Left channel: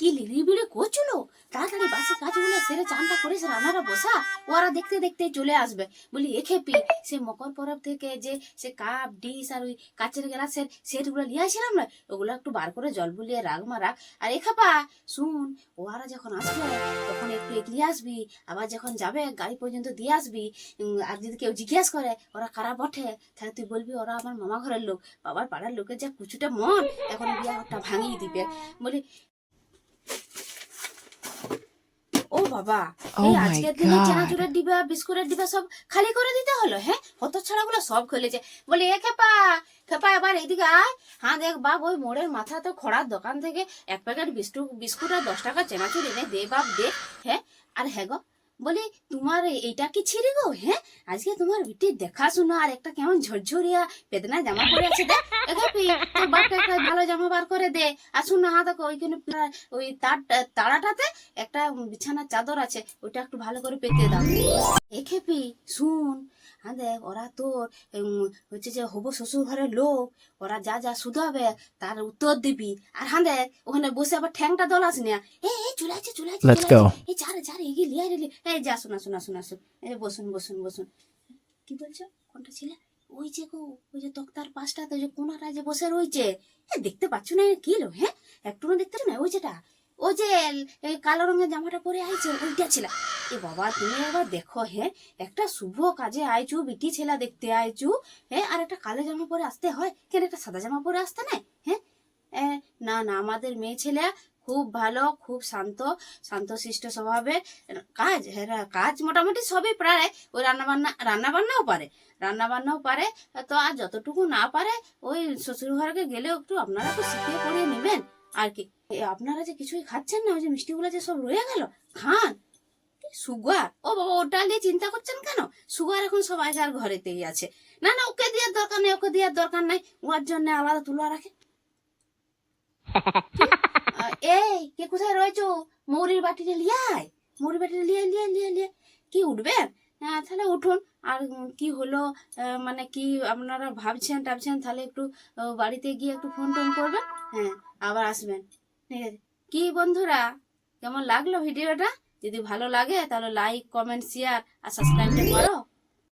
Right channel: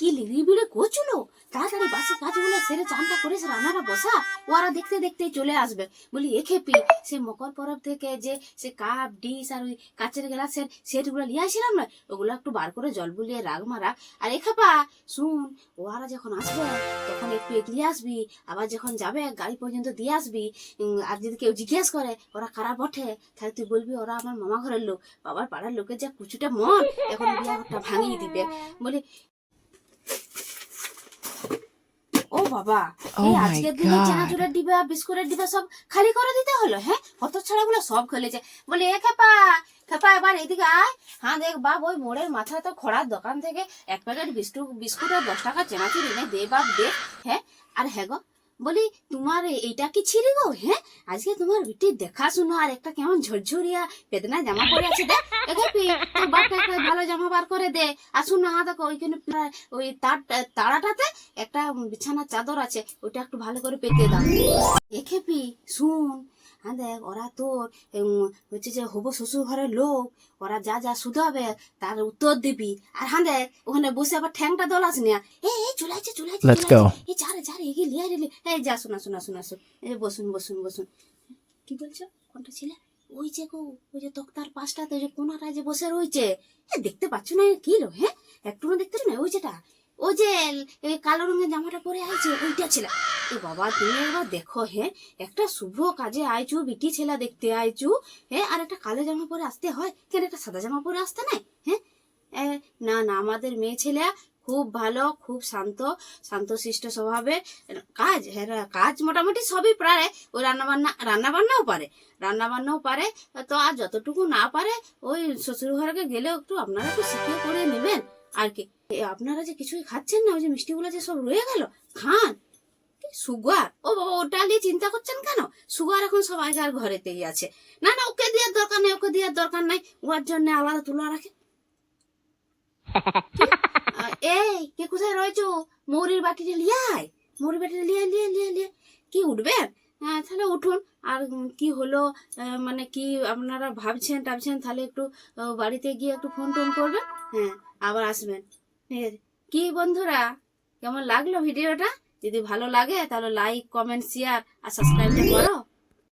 কি লিড়িবিড়ি করছিল? তাড়াতাড়ি বাসি কাজগুলো সেরে চানটা করিস রান্নাটা বসা। ওরা দেখতে দেখতে চলে আসবে। বলি, এ খেপি, সে মকর পরব থেকে যে সে কাপ, ডিশ আর ওই কাচের গ্লাসের সেটগুলো নিয়ে আসছিলাম না, ওগুলো একটু বার করে জল বুলিয়ে রাগ মারা। আর এ খাপা, শুন ওরা যখন আসবে, তখন একটু এগিয়ে আসবি, আবার যখন যাবে, গাড়ি পর্যন্ত দিয়ে আসবি। আর যদি কেউ জিজ্ঞেস করে, ওরা কারা বটে? তাহলে তুই বলবি, ওরা আমার মামা ঘরের লোক। বাবার পাড়ার লোকের যা কুচুটা মন, এখন বিয়াটা ভাঙিয়ে দিবে। বলি বাবা। Oh এই আজকের দিনে চানাচুরের ডিবা বিস্কুটের ডিবা সব খালি করে দিতে হলো হ্যাঁ? হত ছড়াগুলো সব খুলেছে বলে এ খেপা খেপা এবার এদিকে আয়। হ্যাঁ দেখ বাপ ওই মোড়ের মাথা তো খড়ার দোকান থেকে এক প্যাকেট বিস্কুট বিস্কুট আর দশ টাকা চেনাচুর এনে দে বাপ দে। হ্যাঁ? আর হ্যাঁ গো বলি, তোমার এইটা কি ছিঁড়ে গো? হ্যাঁ আজকে তোমার বিটির দেখাশুনো, আর একটা কেমন ঝরঝরিয়া বেদনা জামা পরে আছে দে একটা ভালো জামা বার করে দে আসুন না, দেখো ওইখানে ওই তার তাড়াটাতে একটা বিছানার চাদর আছে, ওইটা একটু ভালো করে পেতে দাও। এ খেপি শুন। হ্যাঁ দেখ ওরা তোর হচ্ছে যে হব শ্বশুর ঘরের লোক ওরা যা যা শুধাবে তার উত্তর দিবি। আর হ্যাঁ দেখ ওখানে বসে আবার ঠ্যাংটা দোলাস না? এই এই চলে আছে চলে আছে এই চারে চারে এগিয়ে লিয়া রে এই যা শোনা শোনা শোনা শোন। এই বসুন বসুন বসুন। কি বলছো? কোনটা ছিল? ওই যে গো ওই যে তক্তার পাশটাতে ওই যে কোনাটায় যে বসে রয়েছে। এ, দেখতে পাচ্ছ না কি লো হ্যাঁ? একটু দেখতে না? ওই যেটা। ওই যে কালো রঙের জামাটা পরে আইছে, ওইটা ছিল। এ বাবা, তুমি আবার দেখো হ্যাঁ একটা শুভ কাজে আইছু, বিটি ছেলা দেখতে আইছু হ্যাঁ আর একটা কালো জামা পরে আসতে হয়। কেন একটা সাদা জামা পরে আসতে নাই হ্যাঁ না না, আমাদের মেয়ে ছেলে খুব ভালো, খুব শান্ত, শান্তশিষ্ট স্বভাবে। কাজ হ্যাঁ কাজ মোটামুটি সবই পারে। ওই রান্না বান্না রান্না বান্নাও পারে। রান্না বান্নাও পারে, তো আর যতটুকু না পারে, ওই শ্বশুর ঘরকে গেলেও একটু আপনারা একটু শিখিয়ে করে নেবেন। আর কি? আপনারা যে কিছুই খাচ্ছেন না ওই যে মিষ্টিগুলো যে সব রয়ে গেল খান। সুগার? ও বাবা ওটা নিয়ে চিন্তা করছেন কেন? সুগার এখন সবাই যার ঘরেতেই আছে। না না ওকে দেওয়ার দরকার নেই ওকে দেওয়ার দরকার নাই। ওর জন্য আলাদা তুলা রাখে। এই কে কোথায় রয়েছো? মৌরির বাটিতে লিয়াই মৌরির বাটিতে লিয়ে লিয়ে লিয়ে লিয়ে কি উঠবেন? তাহলে উঠুন। আর কি হলো? মানে কি আপনারা ভাবছেন টাবছেন? তাহলে একটু বাড়িতে গিয়ে একটু ফোন টোন করবেন। হ্যাঁ। আবার আসবেন। হ্যাঁ, কি বন্ধুরা কেমন লাগল ভিডিওটা? যদি ভালো লাগে তাহলে লাইক কমেন্ট শেয়ার আর সাবস্ক্রাইবটা করো।